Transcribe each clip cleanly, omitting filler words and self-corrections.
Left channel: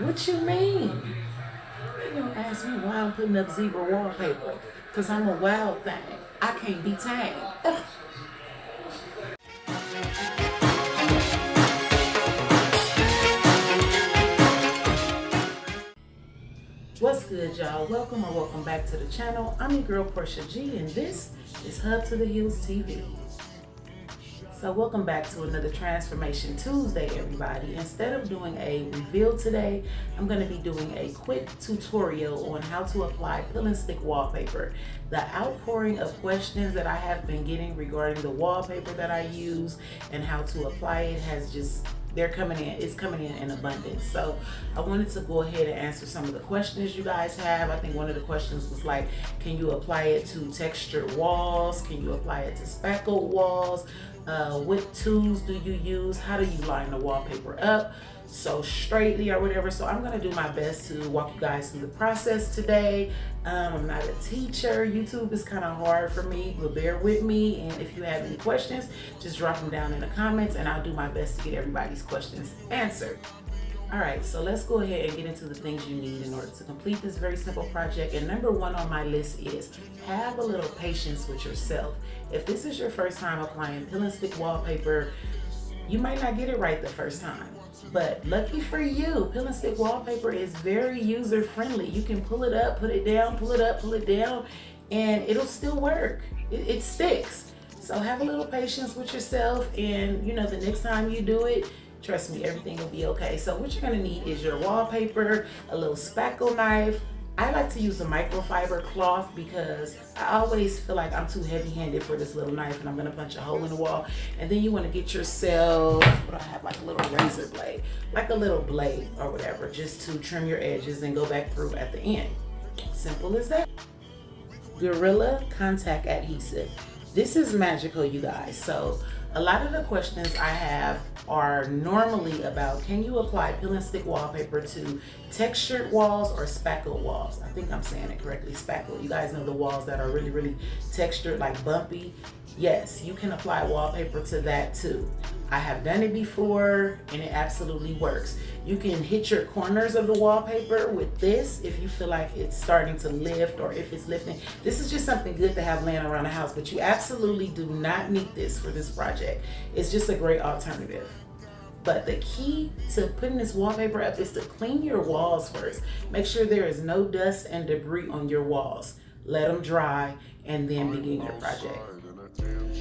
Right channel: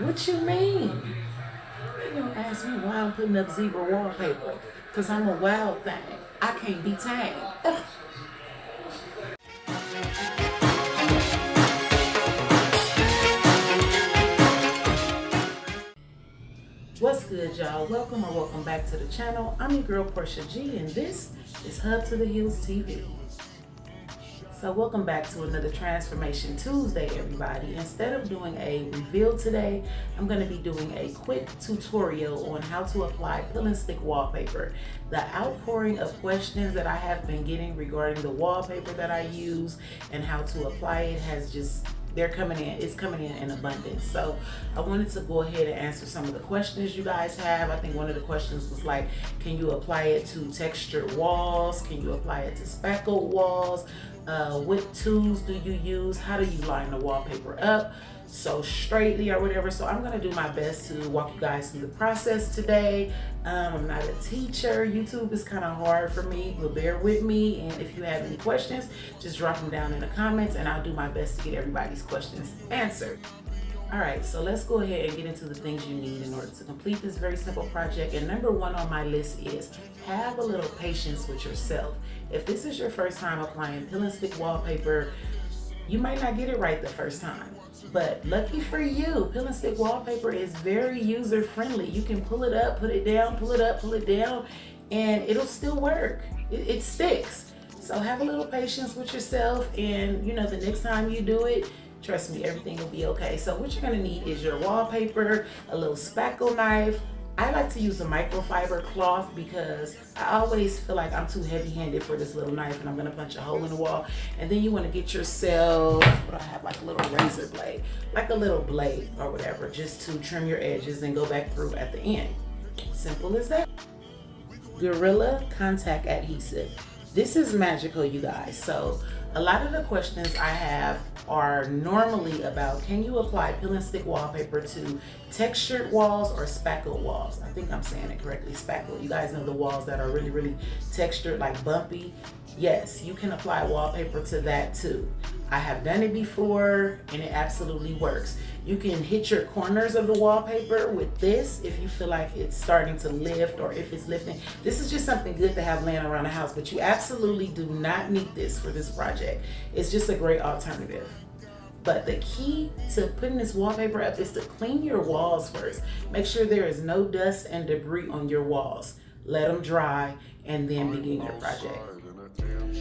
What you mean? You gonna ask me why I'm putting up zebra wallpaper? Cause I'm a wild thing. I can't be tamed. Ugh. What's good, y'all? Welcome back to the channel. I'm your girl Portia G, and this is Hub to the Hills TV. So welcome back to another Transformation Tuesday, everybody. Instead of doing a reveal today, I'm going to be doing a quick tutorial on how to apply peel and stick wallpaper. The outpouring of questions that I have been getting regarding the wallpaper that I use and how to apply it has just it's coming in abundance. So I wanted to go ahead and answer some of the questions you guys have. I think one of the questions was like, can you apply it to textured walls? Can you apply it to speckled walls? What tools do you use? How do you line the wallpaper up so straightly or whatever? So I'm gonna do my best to walk you guys through the process today. I'm not a teacher. YouTube is kind of hard for me, but bear with me. And if you have any questions, just drop them down in the comments and I'll do my best to get everybody's questions answered. All right, so let's go ahead and get into the things you need in order to complete this very simple project. And number one on my list is have a little patience with yourself. If this is your first time applying peel and stick wallpaper, you might not get it right the first time. But lucky for you, peel and stick wallpaper is very user friendly. You can pull it up, put it down, pull it up, pull it down, and it'll still work. It sticks. So have a little patience with yourself, and the next time you do it, trust me, everything will be okay. So what you're gonna need is your wallpaper, a little spackle knife. I like to use a microfiber cloth because I always feel like I'm too heavy-handed for this little knife and I'm gonna punch a hole in the wall. And then you wanna get yourself, what I have, like a little razor blade, like a little blade or whatever, just to trim your edges and go back through at the end. Simple as that. Gorilla Contact Adhesive. This is magical, you guys. So a lot of the questions I have are normally about, can you apply peel and stick wallpaper to textured walls or spackled walls? I think I'm saying it correctly, spackled. You guys know the walls that are really, really textured, like bumpy. Yes, you can apply wallpaper to that too. I have done it before and it absolutely works. You can hit your corners of the wallpaper with this if you feel like it's starting to lift or if it's lifting. This is just something good to have laying around the house, but you absolutely do not need this for this project. It's just a great alternative. But the key to putting this wallpaper up is to clean your walls first. Make sure there is no dust and debris on your walls. Let them dry and then begin your project.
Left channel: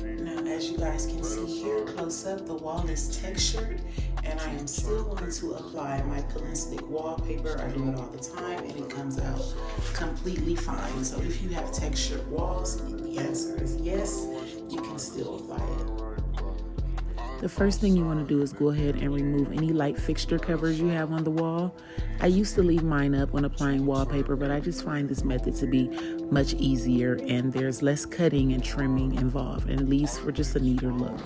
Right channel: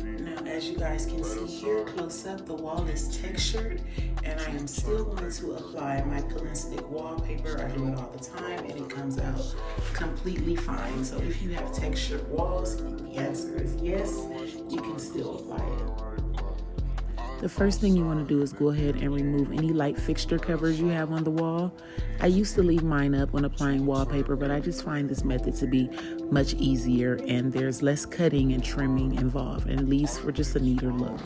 Now, as you guys can see here close up, the wall is textured and I am still going to apply my peel and stick wallpaper. I do it all the time and it comes out completely fine. So if you have textured walls, the answer is yes, you can still apply it. The first thing you want to do is go ahead and remove any light fixture covers you have on the wall. I used to leave mine up when applying wallpaper, but I just find this method to be much easier and there's less cutting and trimming involved, and it leaves for just a neater look.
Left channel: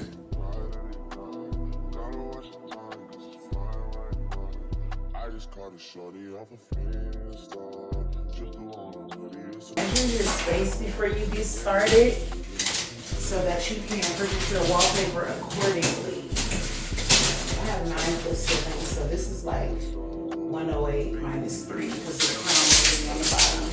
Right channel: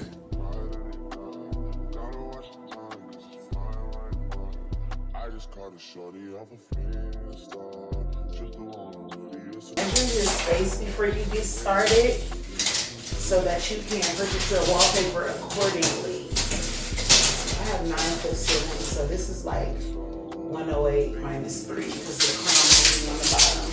Measure your space before you get started, so that you can purchase your wallpaper accordingly. I have 9-foot ceilings, so this is like 108 minus 3 because the crown is on the bottom.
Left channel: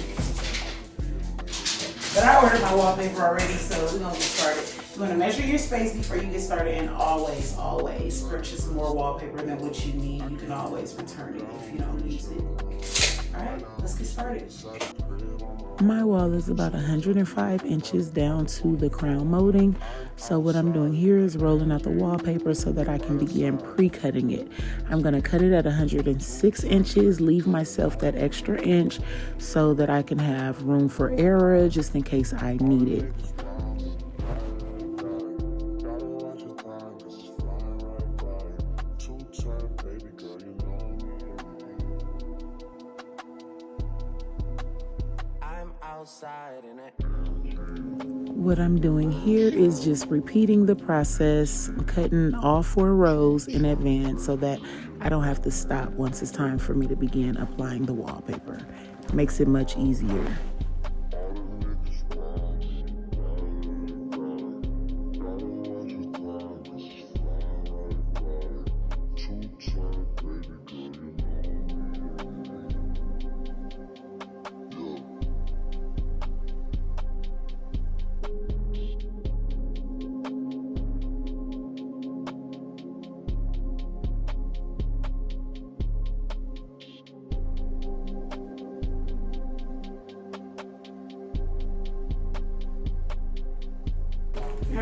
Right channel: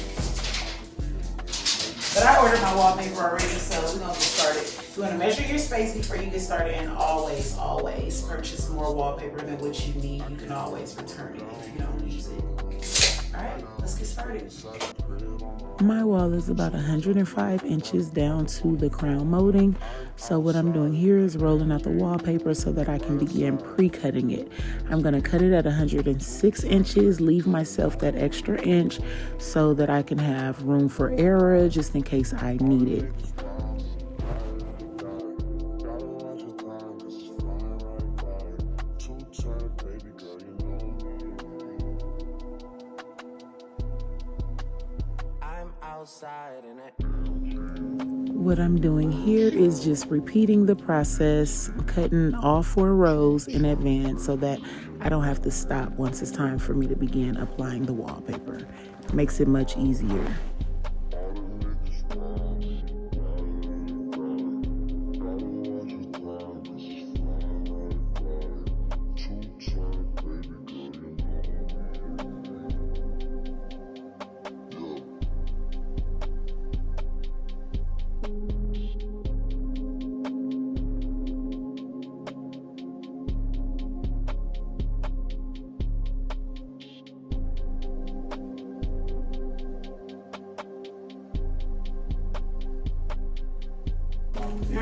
But I ordered my wallpaper already, so we're gonna get started. You wanna measure your space before you get started, and always, always purchase more wallpaper than what you need. You can always return it if you don't use it. All right, let's get started. My wall is about 105 inches down to the crown molding. So what I'm doing here is rolling out the wallpaper so that I can begin pre-cutting it. I'm gonna cut it at 106 inches, leave myself that extra inch so that I can have room for error just in case I need it. What I'm doing here is just repeating the process, cutting all 4 rows in advance so that I don't have to stop once it's time for me to begin applying the wallpaper. It makes it much easier.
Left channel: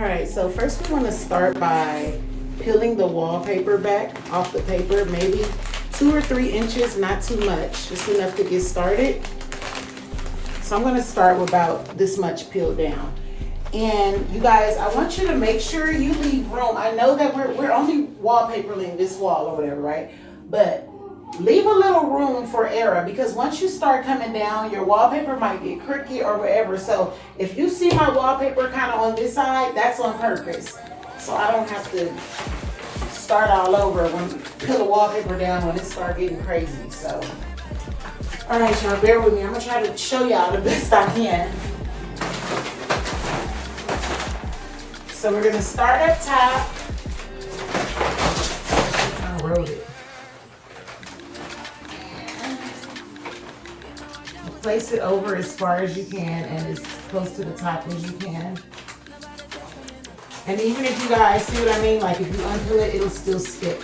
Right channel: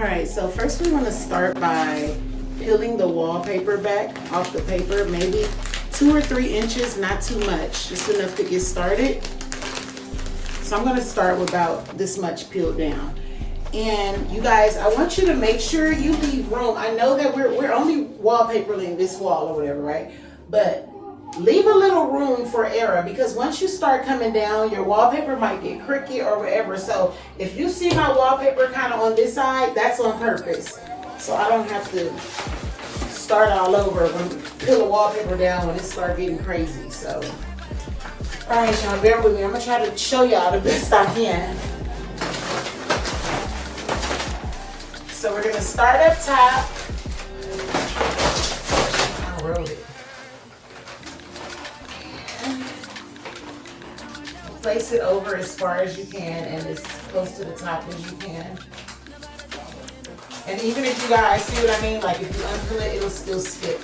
Alright, so first we want to start by peeling the wallpaper back off the paper, maybe 2 or 3 inches, not too much, just enough to get started. So I'm going to start with about this much peeled down. And you guys, I want you to make sure you leave room. I know that we're only wallpapering this wall or whatever, right? But leave a little room for error, because once you start coming down, your wallpaper might get crooked or whatever. So if you see my wallpaper kind of on this side, that's on purpose. So I don't have to start all over when peel the wallpaper down when it starts getting crazy. So, all right, y'all, bear with me. I'm gonna try to show y'all the best I can. So we're gonna start up top. I wrote it. Place it over as far as you can and as close to the top as you can. And even if you guys see what I mean, like if you undo it, it'll still stick.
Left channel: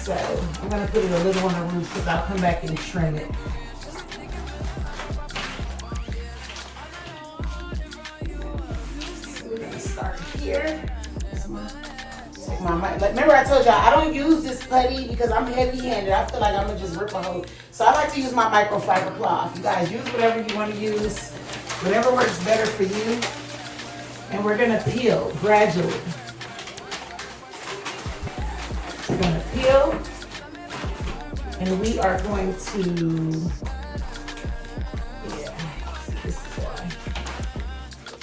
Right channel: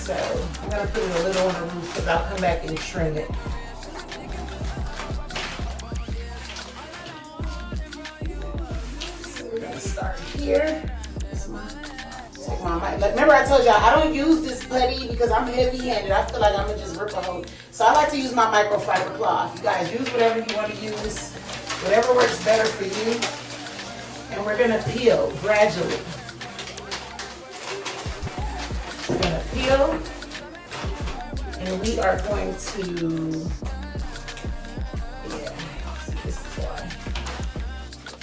So I'm gonna put it a little on the roof because I'll come back and trim it. So we're gonna start here. Take my mic. Remember I told y'all I don't use this putty because I'm heavy-handed. I feel like I'm gonna just rip a hole. So I like to use my microfiber cloth. You guys use whatever you want to use, whatever works better for you. And we're gonna peel gradually. We're gonna peel, and we are going to,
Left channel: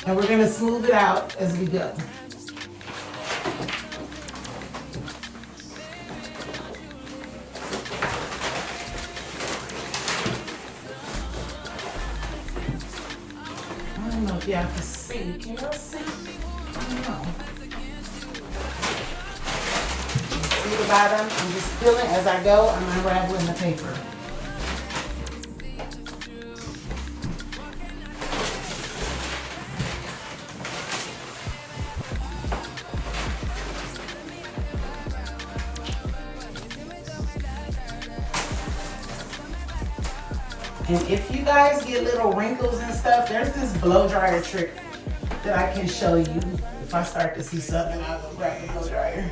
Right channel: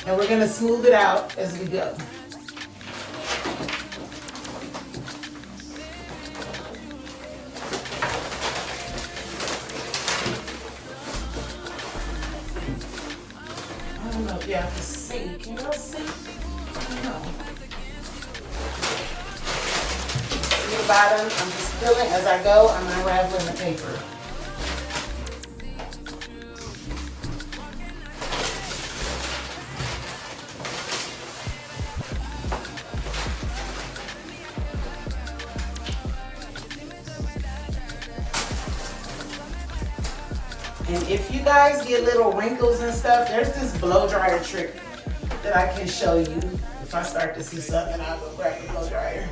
and we're gonna smooth it out as we go. I don't know if y'all can see. Can y'all see? I don't know. See the bottom? I'm just peeling as I go. I'm unraveling the paper. And if you guys get little wrinkles and stuff, there's this blow dryer trick that I can show you. If I start to see something, I'll go grab the blow dryer.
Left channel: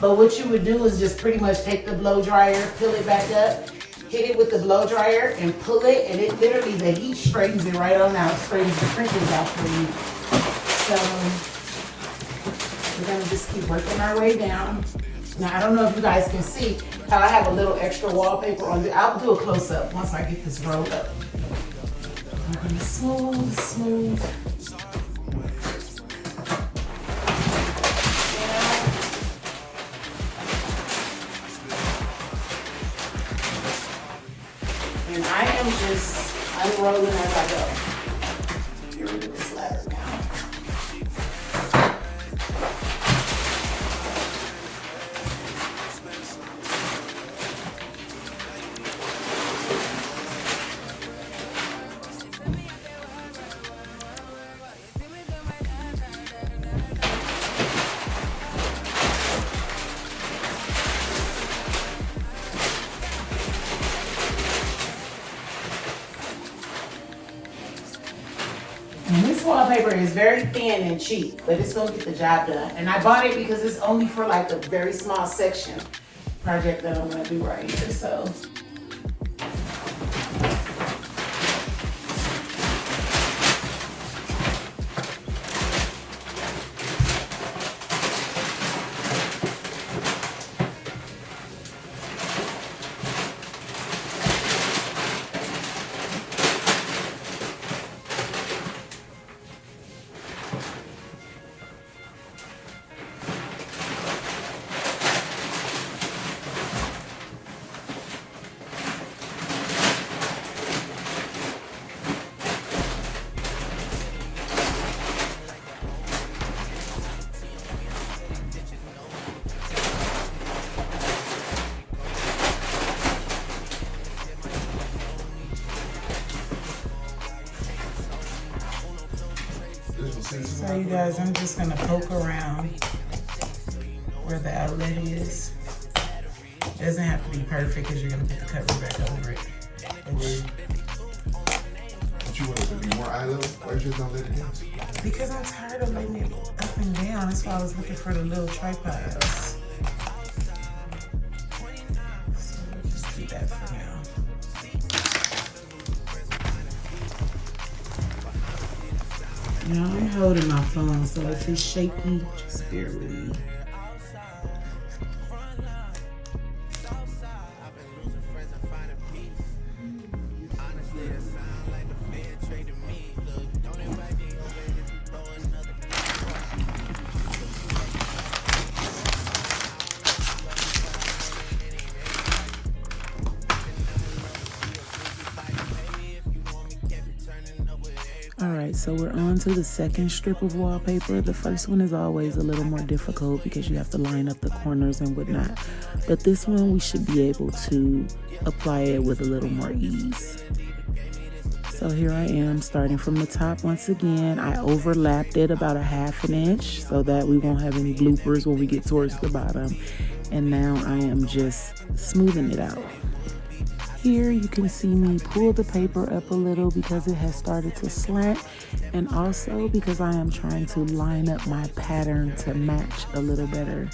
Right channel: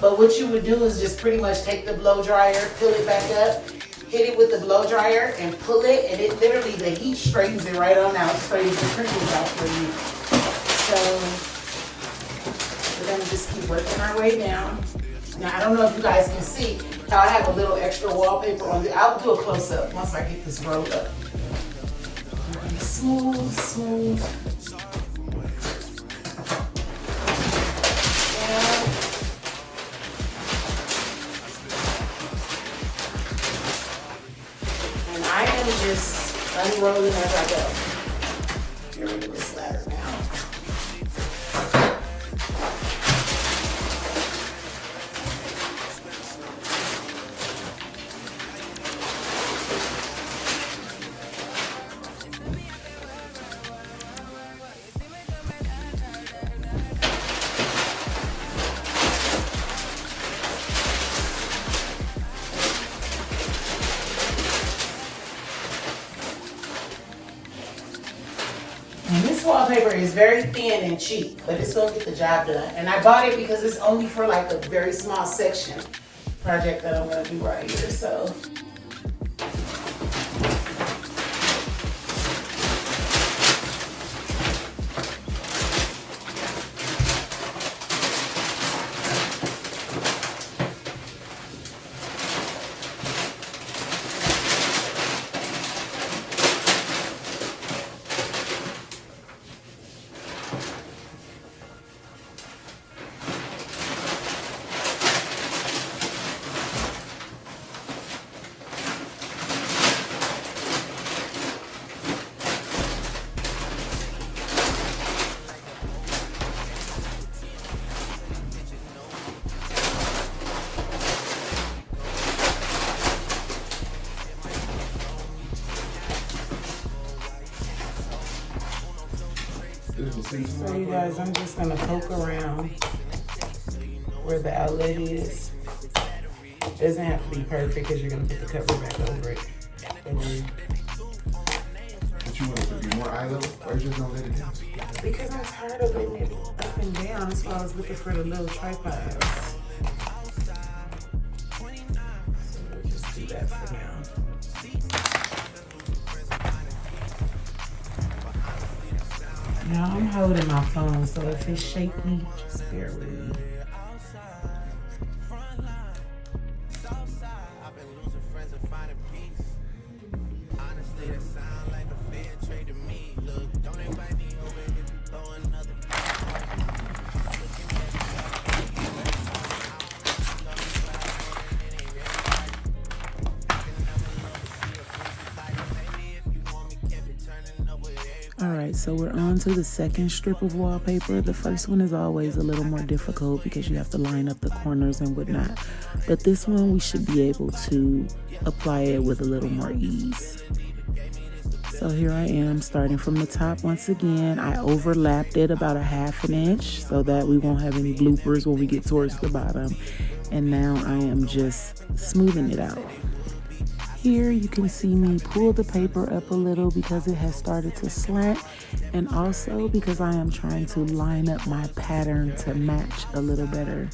But what you would do is just pretty much take the blow dryer, peel it back up, hit it with the blow dryer and pull it, and it literally, the heat straightens it right on out, straightens the crinkles out for you. So we're gonna just keep working our way down. Now, I don't know if you guys can see how I have a little extra wallpaper on it. I'll do a close-up once I get this rolled up. I'm gonna smooth, smooth. And I am just unrolling as I go. Here we go, this ladder now. And this wallpaper is very thin and cheap, but it's gonna get the job done. And I bought it because it's only for like a very small section project that I'm gonna do right here, so. So you guys, I'm just gonna poke around where the outlet is. It doesn't have to be perfect because you're gonna put the cover back over it. But you want it to be more eye level? Why you just not letting it down? Because I'm tired of letting it up and down. That's why I was looking for the little tripods. So we'll just do that for now. Now I'm holding my phone, so if it's shaky, just bear with me. Alright, so we're on to the second strip of wallpaper. The first one is always a little more difficult because you have to line up the corners and whatnot. But this one we should be able to apply it with a little more ease. So here I am starting from the top once again. I overlapped it about a ½ inch so that we won't have any bloopers when we get towards the bottom. And now I am just smoothing it out. Here you can see me pull the paper up a little because it has started to slant, and also because I am trying to line up my pattern to match a little better.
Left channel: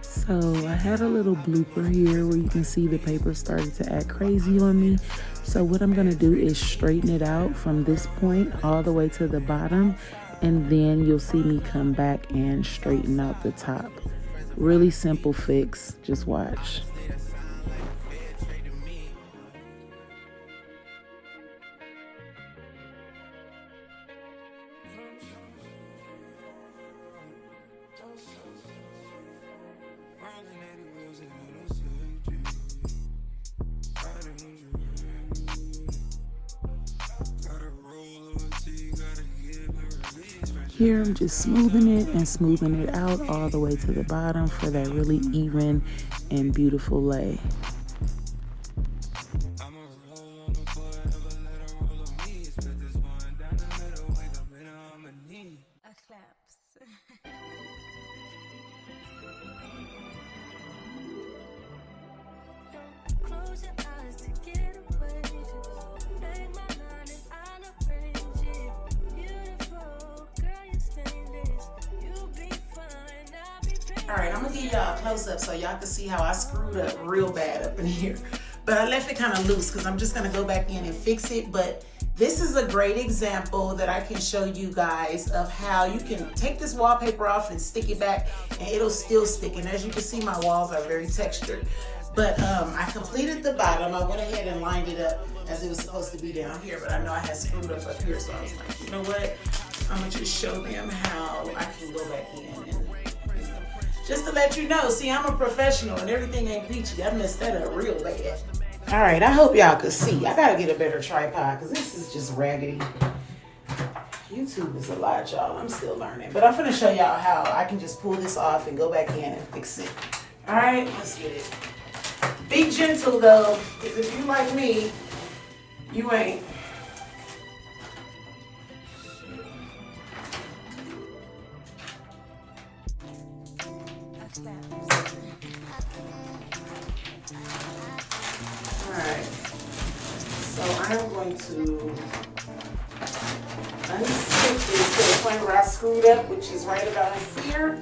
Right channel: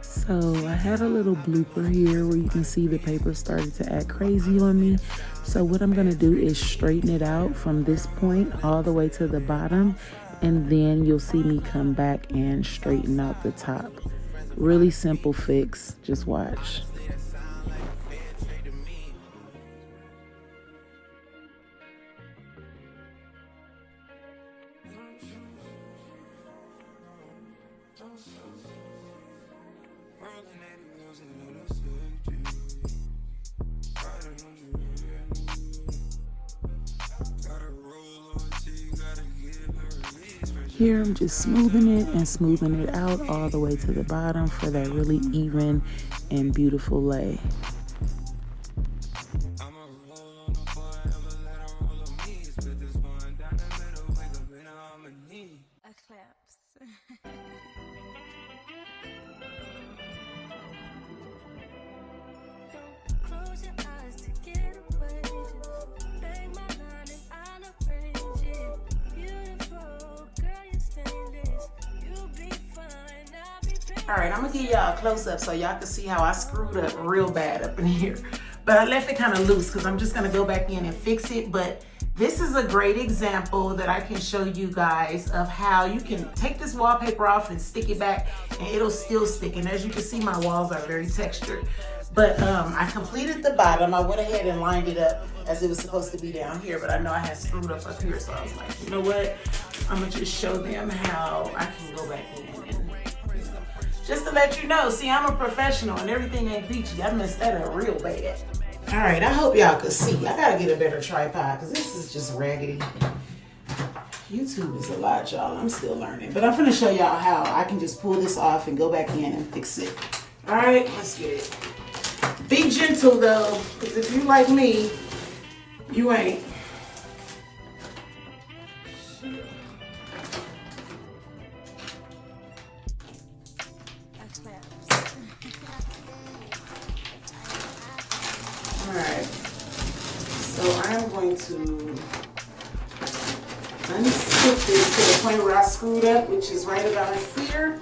So I had a little blooper here where you can see the paper started to act crazy on me. So what I'm gonna do is straighten it out from this point all the way to the bottom, and then you'll see me come back and straighten out the top. Really simple fix, just watch. Here I'm just smoothing it and smoothing it out all the way to the bottom for that really even and beautiful lay. Close your eyes to get away. Just make my mind and I'll arrange it. Beautiful girl, you stainless. You'll be fine. I'll be painless. All right, I'm gonna give y'all a close up so y'all can see how I screwed up real bad up in here. But I left it kind of loose because I'm just gonna go back in and fix it. But this is a great example that I can show you guys of how you can take this wallpaper off and stick it back and it'll still stick. And as you can see, my walls are very textured. But I completed the bottom. I went ahead and lined it up as it was supposed to be down here, but I know I had screwed up here, so I was like, you know what? I'm gonna just show them how I can go back in and, just to let you know, see, I'm a professional and everything ain't peachy. I messed that up real bad. All right, I hope y'all could see. I gotta get a better tripod because this is just raggedy. YouTube is a lot, y'all. I'm still learning. But I'm gonna show y'all how I can just pull this off and go back in and fix it. All right, let's get it. Be gentle though, because if you like me, you ain't. Alright, so I'm going to unstick this to the point where I screwed up, which is right about here.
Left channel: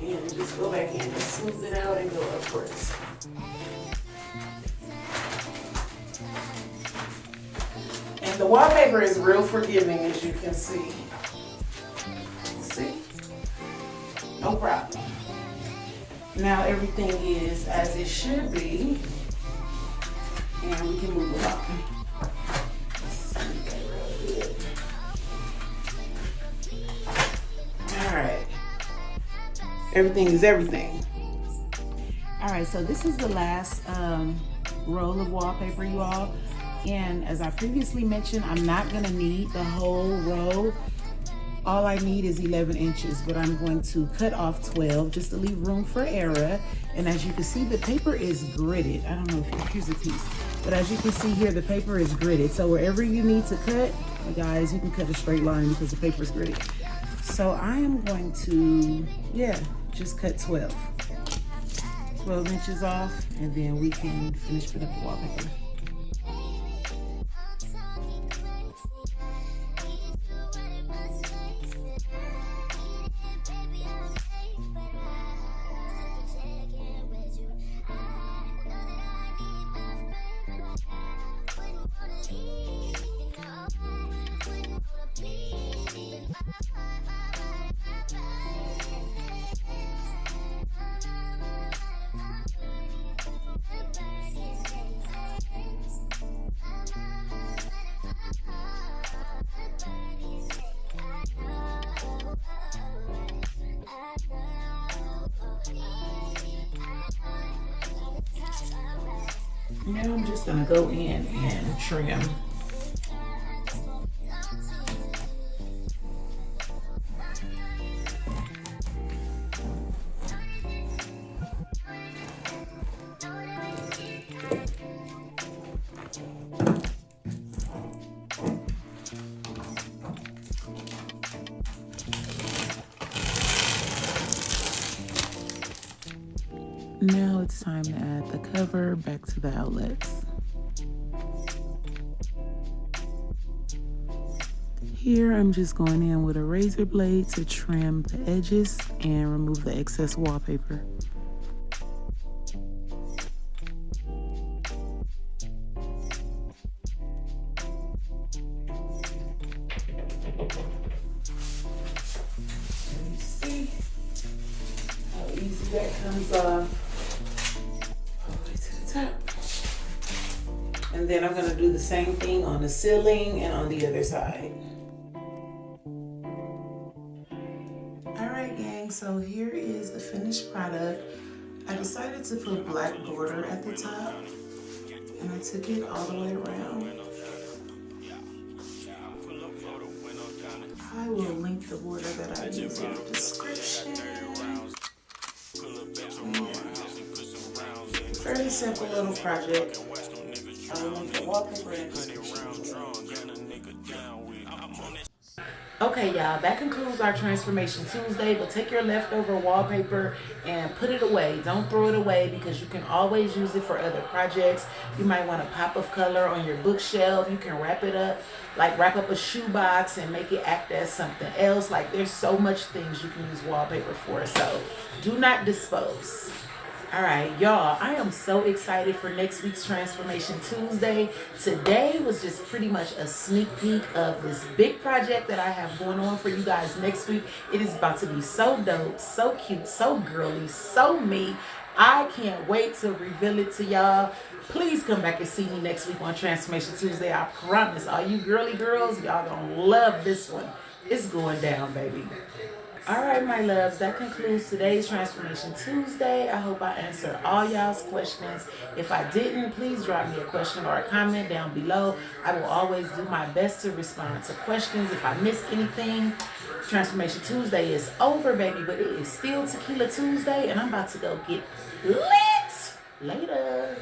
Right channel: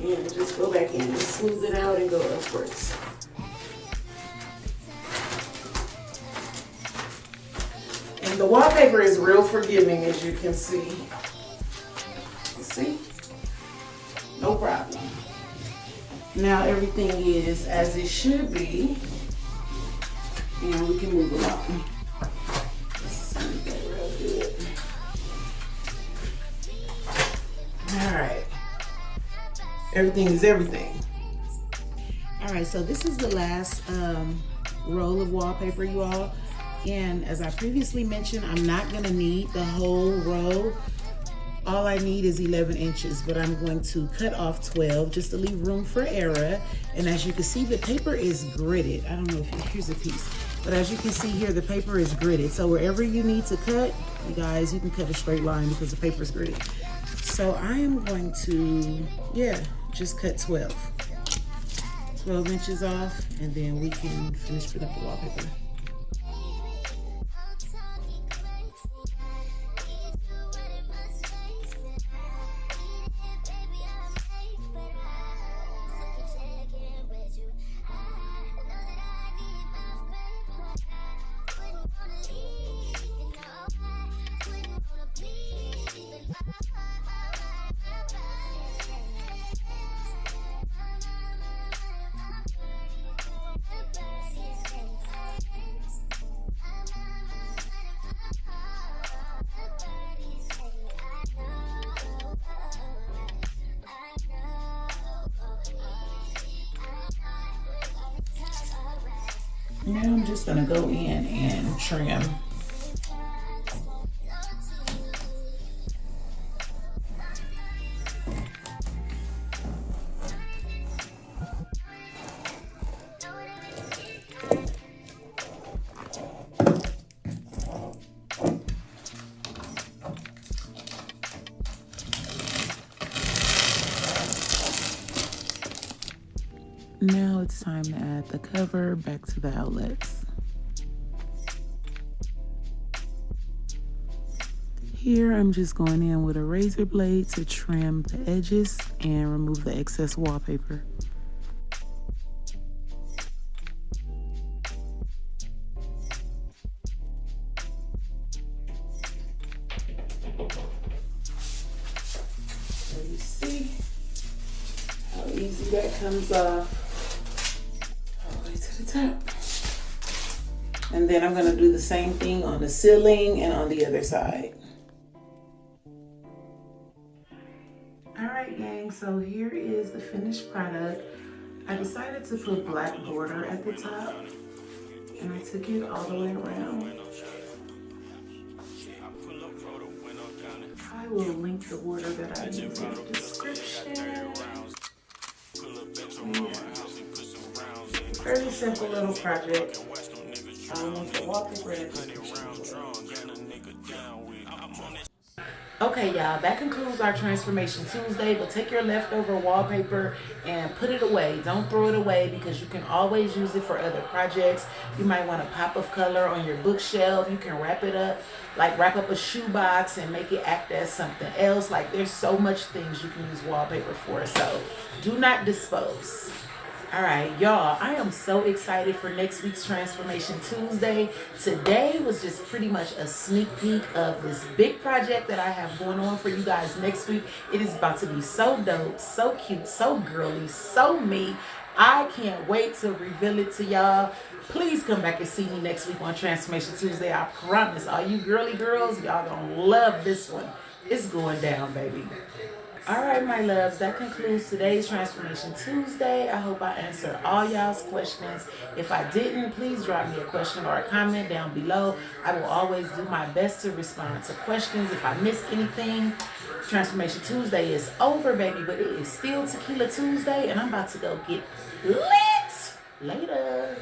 And just go back in and smooth it out and go upwards. And the wallpaper is real forgiving, as you can see. See? No problem. Now everything is as it should be, and we can move it on. All right. Everything is everything. All right, so this is the last roll of wallpaper, you all. And as I previously mentioned, I'm not gonna need the whole roll. All I need is 11 inches, but I'm going to cut off 12 just to leave room for error. And as you can see, the paper is gridded. I don't know if here's a piece, but as you can see here, the paper is gridded. So wherever you need to cut, you guys, you can cut a straight line because the paper is gridded. So I am going to, just cut 12. 12 inches off, and then we can finish putting up the wallpaper. Now I'm just gonna go in and trim. Now it's time to add the cover back to the outlets. Here I'm just going in with a razor blade to trim the edges and remove the excess wallpaper. You see how easy that comes off. Top. And then I'm gonna do the same thing on the ceiling and on the other side. All right, gang, so here is the finished product. I decided to put black border at the top, and I took it all the way around. I will link the border that I used in the description. Very simple little project. I want the wallpaper. Okay, y'all, that concludes our Transformation Tuesday, but take your leftover wallpaper and put it away. Don't throw it away because you can always use it for other projects. You might want a pop of color on your bookshelf. You can wrap it up, like wrap up a shoebox and make it act as something else. Like, there's so much things you can use wallpaper for, so do not dispose. All right, y'all, I am so excited for next week's Transformation Tuesday. Today was just pretty much a sneak peek of this big project that I have going on for you guys next week. It is about to be so dope, so cute, so girly, so me. I can't wait to reveal it to y'all. Please come back and see me next week on Transformation Tuesday. I promise. All you girly girls, y'all gonna love this one. It's going down, baby. All right, my loves, that concludes today's Transformation Tuesday. I hope I answered all y'all's questions. If I didn't, please drop me a question or a comment down below. I will always do my best to respond to questions. If I miss anything, Transformation Tuesday is over, baby, but it is still Tequila Tuesday, and I'm about to go get lit. Later.